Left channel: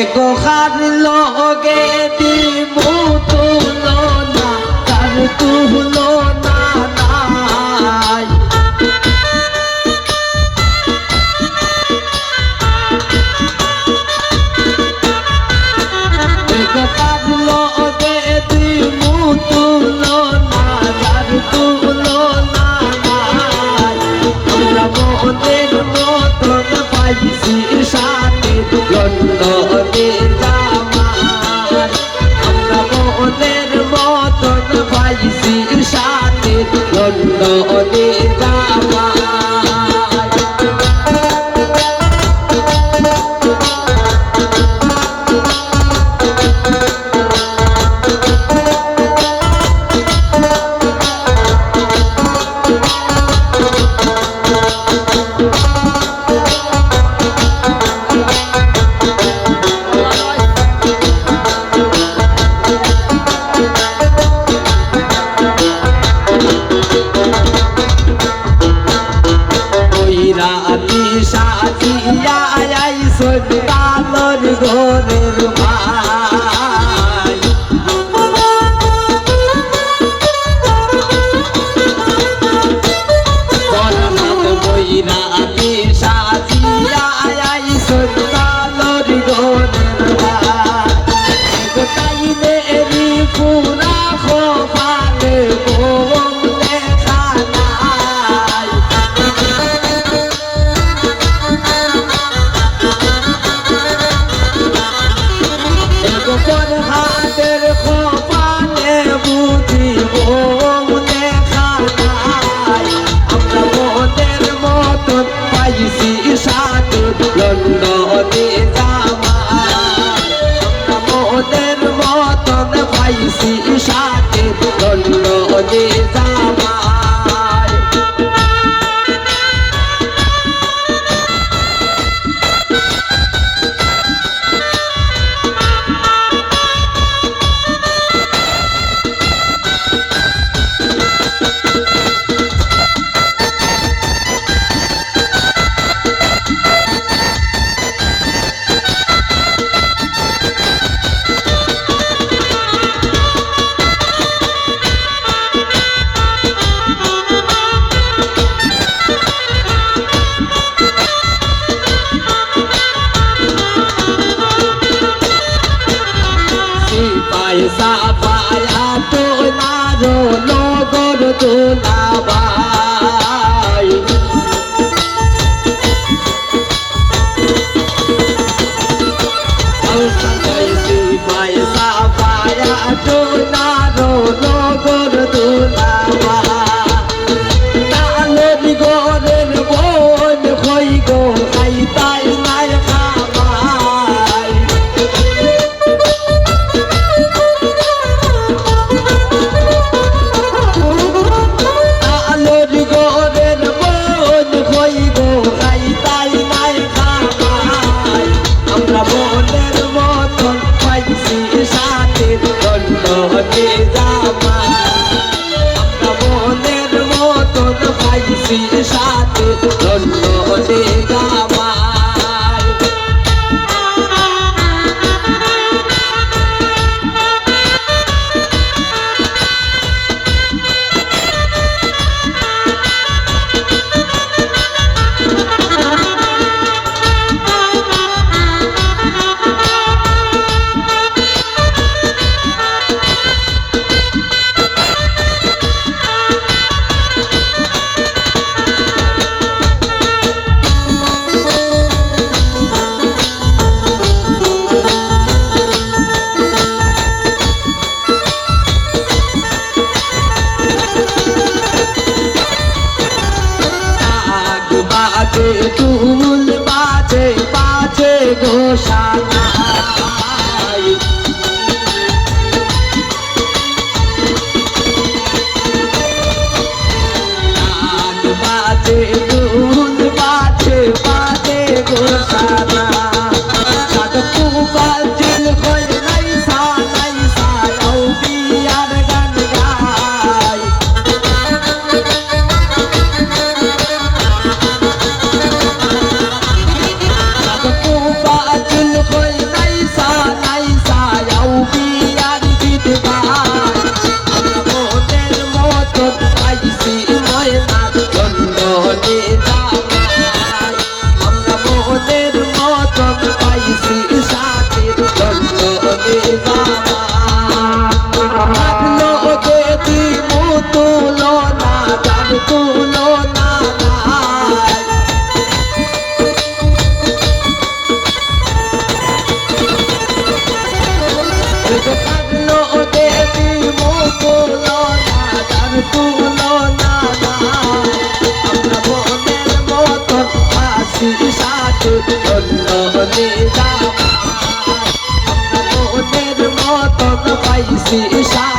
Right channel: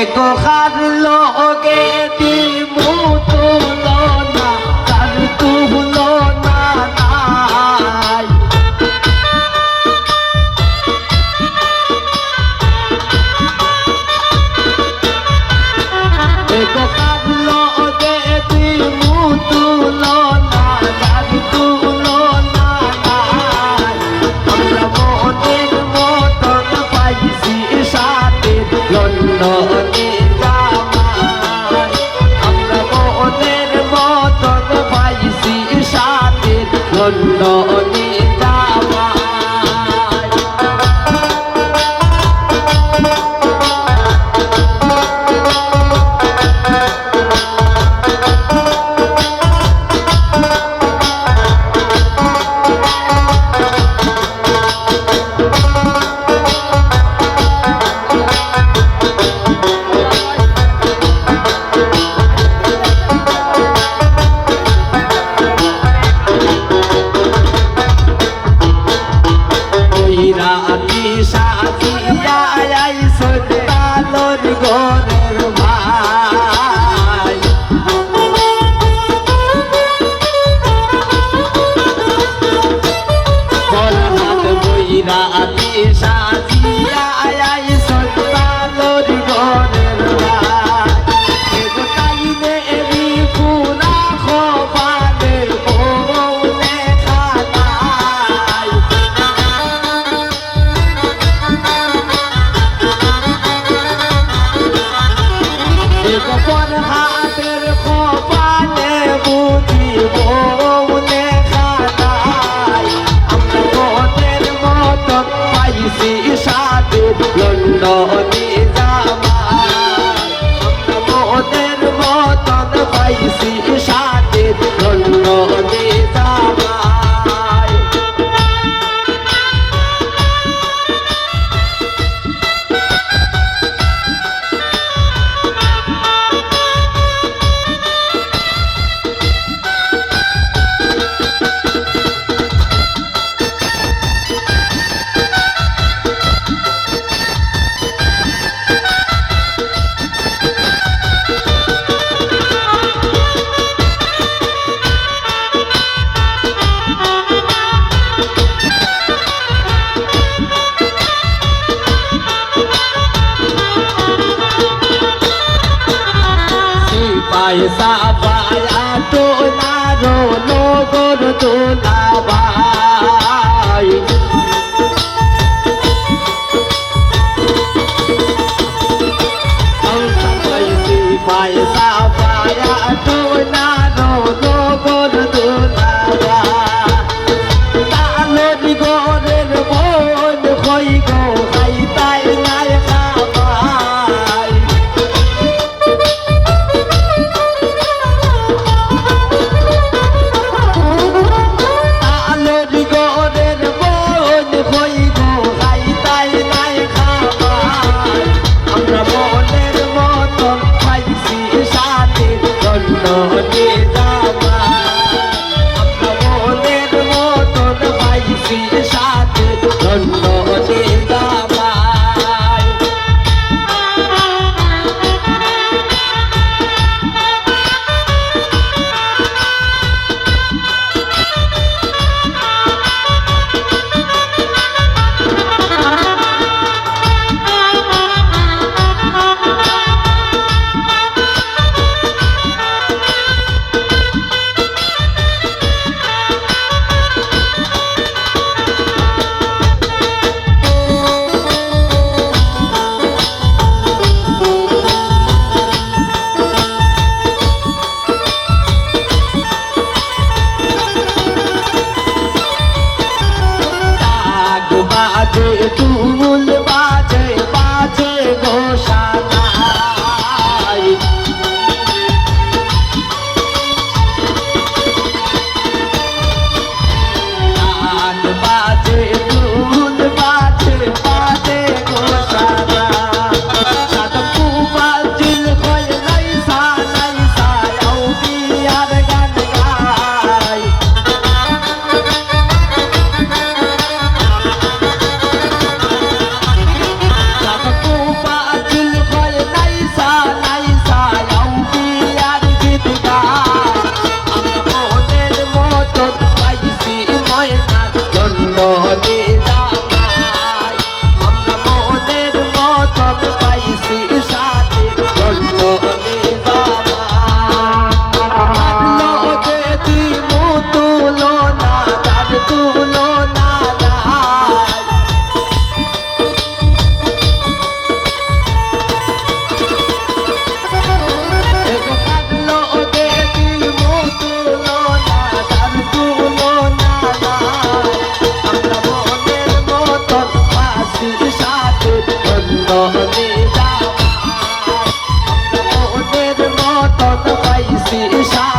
এগো খার লগে দিমু তুলনা তার তুলনা নাই এগো খার লগে দিমু তুলনা তার তুলনা নাই আমরা মনের মতন পাইছি সাথে লন্ডনে জামাই আমরা মনের মতন পাইছি সাথে লন্ডনে জামাই রাতি সাজিয়া আইসো তালর ঘরের ভাই বলহাত বই রাতি সাজিয়া আইসো তালর ঘরের ভাই এগো তাইলে এরি পুরা খোপালে বলে খানাই গোপন হাতের কপালে বুঝিব লেখা নাই আমরা মনের মতন পাইছি সাথে লন্ডনে জামাই আমরা মনের মতন পাইছি সাথে লন্ডনে জামাই পয়সা পায়া তো না রোলো গর তো না ভাই পয়সা পায়া তো না রোলো গর তো না ভাই তালর গরের বোন কই গো খাইতাই নাই খাই দিশা